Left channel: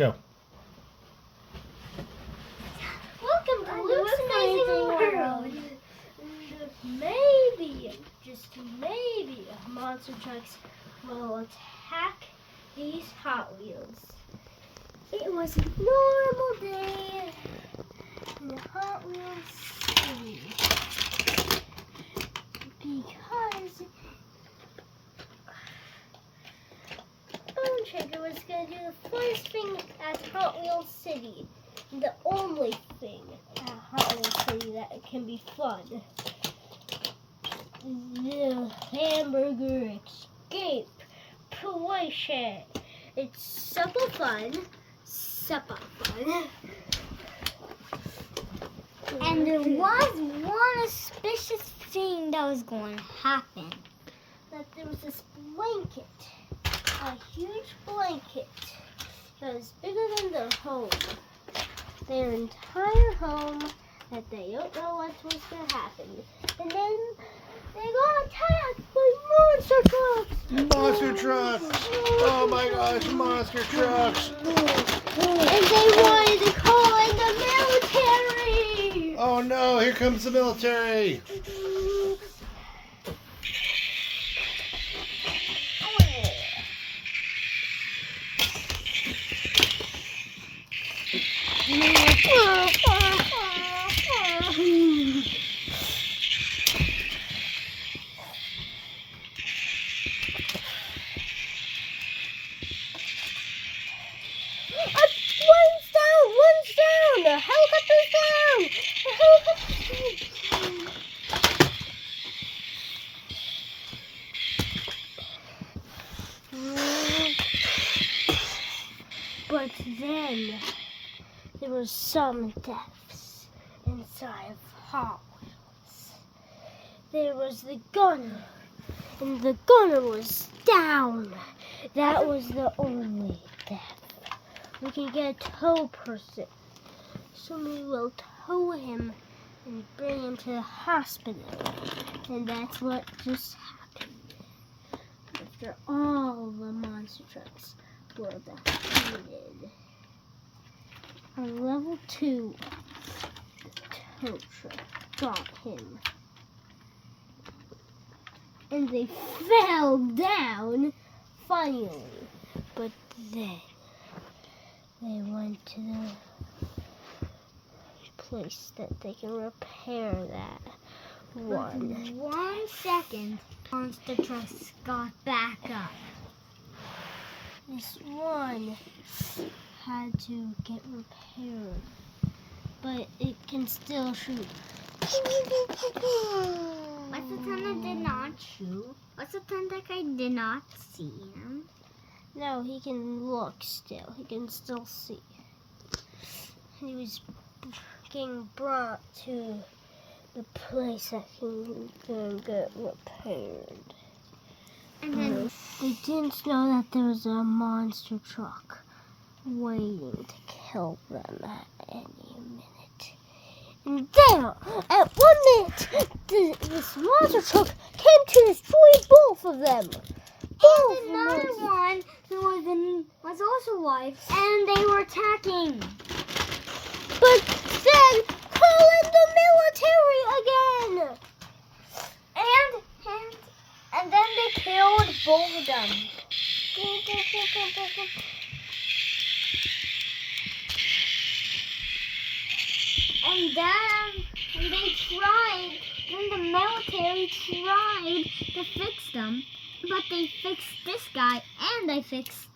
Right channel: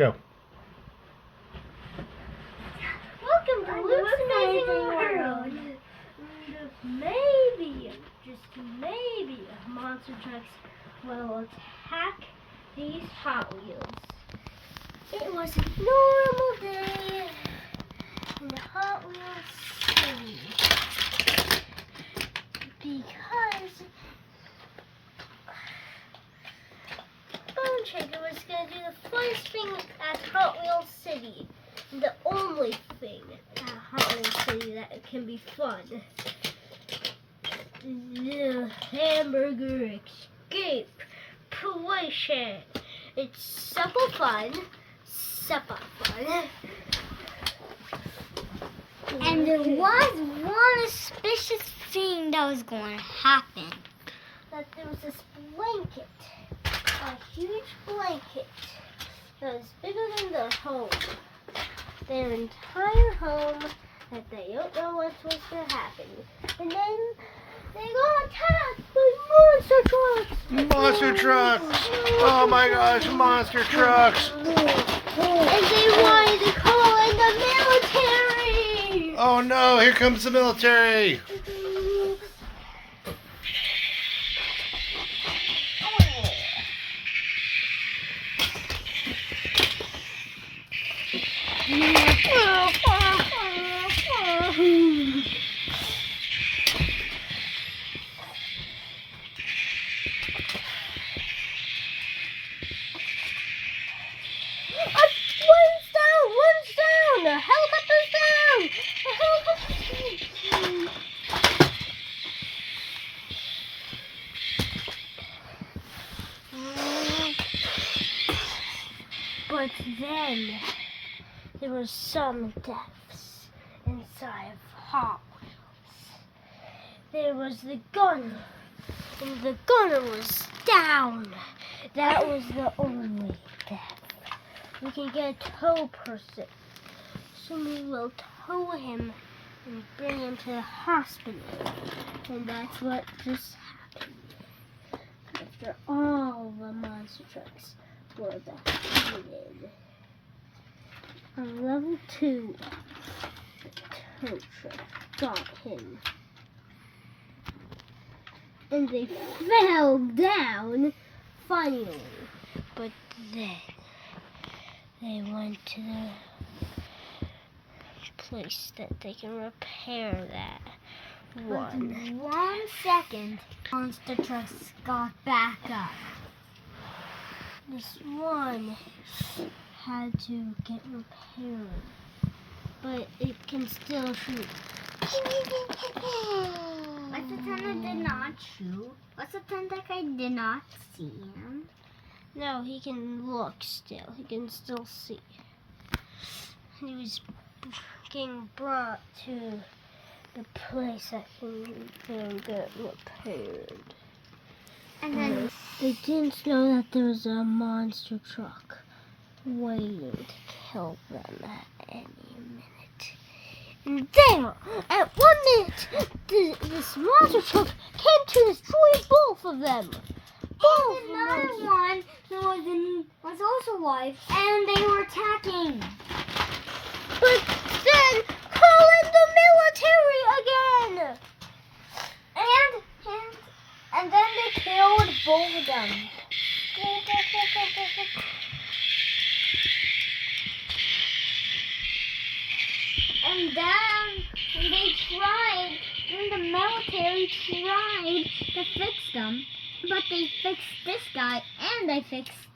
Go. Welcome to Luke's Amazing World. Maybe, just maybe, monster trucks will attack these Hot Wheels. It was a normal day in the Hot Wheels city because Bone Shaker was going to do the first thing at Hot Wheels City. The only thing at Hot Wheels City that can be fun. The hamburger escape situation. It's super fun. Super fun. And there was one suspicious thing that was going to happen. That there was this blanket. A huge blanket that was bigger than their home. Their entire home that they don't know what's going to happen. And then they got attacked by monster trucks. Monster trucks! Oh my gosh, monster trucks! And they wanted to call in the military. Oh no, here comes the military! One's down! The helicopter's down! The helicopter's down! But then there was some deaths inside of Hot Wheels. There was the gunner, and the gunner was down. That was the only death. We can get a tow person. Somebody will tow him and bring him to the hospital. And that's what just happened. After all the monster trucks were defeated. On level 2, the tow truck got him. And they fell down, finally. But then they went to the place that they can repair that one. 1 second, monster trucks got back up. This one had to get repaired, but it can still shoot. What's the time that did not shoot? What's the time that I did not see him? No, he can look still. He can still see. He was getting brought to the place that can get repaired. And then They didn't know that there was a monster truck waiting to kill them at any minute. And there, at 1 minute, this monster truck came to destroy both of them. and another one who was also alive, and they were attacking. But then, call in the military again! And then they killed both of them. And they tried, and the military tried to fix them, but they fixed this guy, and they fixed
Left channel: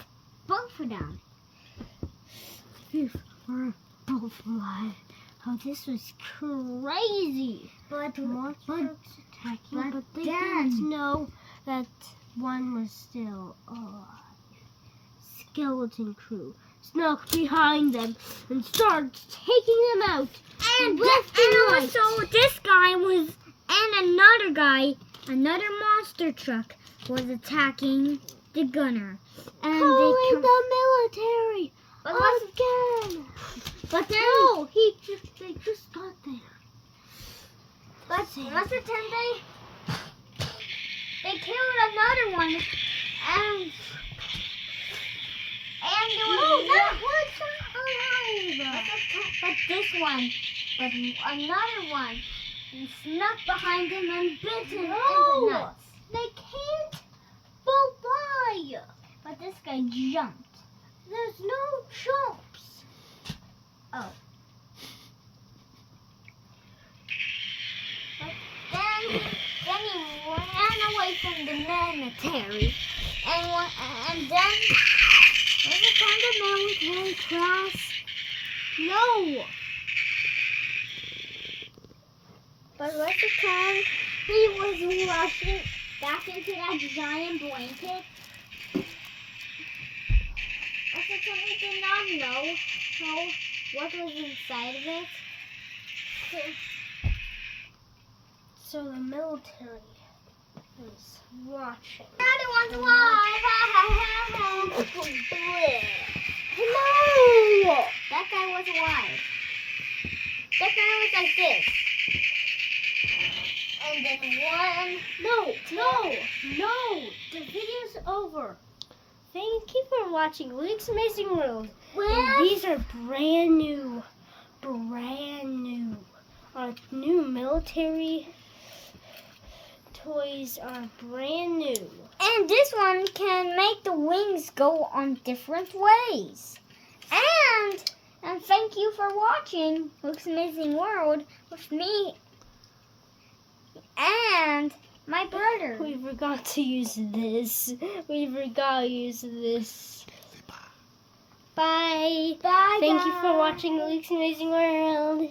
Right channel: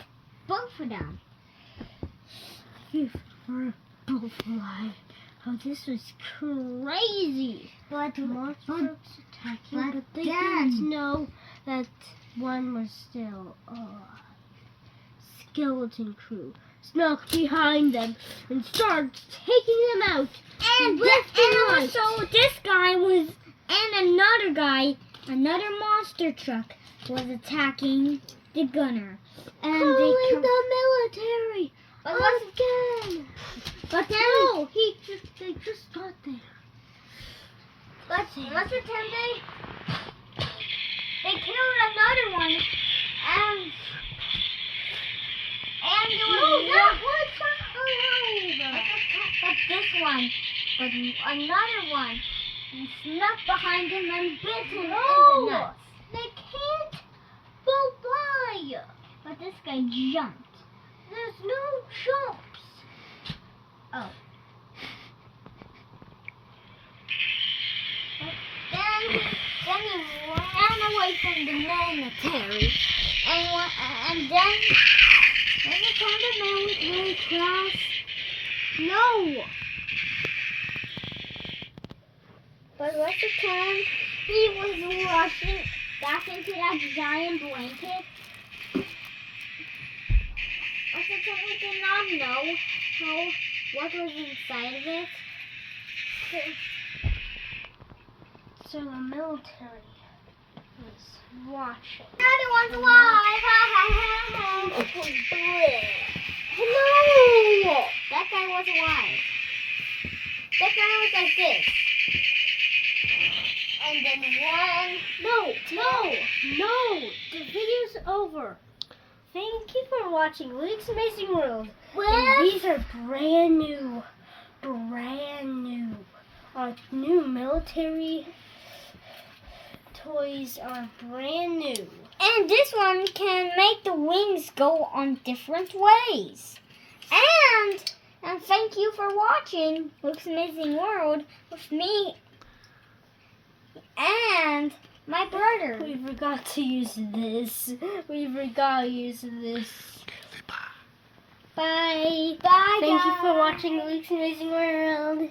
both of them. They were both alive. Oh, this was crazy. But Monster trucks attacking, but they again- didn't know that one was still alive. Skeleton crew snuck behind them and started taking them out. And left and right. also this guy was, and another guy, another monster truck was attacking the gunner. And Calling the military again. But then, No, they just got there. but what's the time they killed another one, and there was No, that one like this one, but another one snuck behind him and bit him in the nuts. They can't. But why? But this guy jumped. There's no jumps. Oh. But then he ran away from the military, and then was it from the military class? No. But was the time he was rushing back into that giant blanket? Was it time he did not know what was inside of it? So the military is watching. Another one's alive! No! That guy was alive. That guy was like this. And then one. No! The video's over. Thank you for watching Luke's Amazing World. And these are brand new. New military toys are brand new. And this one can make the wings go on different ways. And thank you for watching Luke's Amazing World with me and my brother. We forgot to use this. Bye. Bye, Thank you for guys. watching Luke's Amazing World.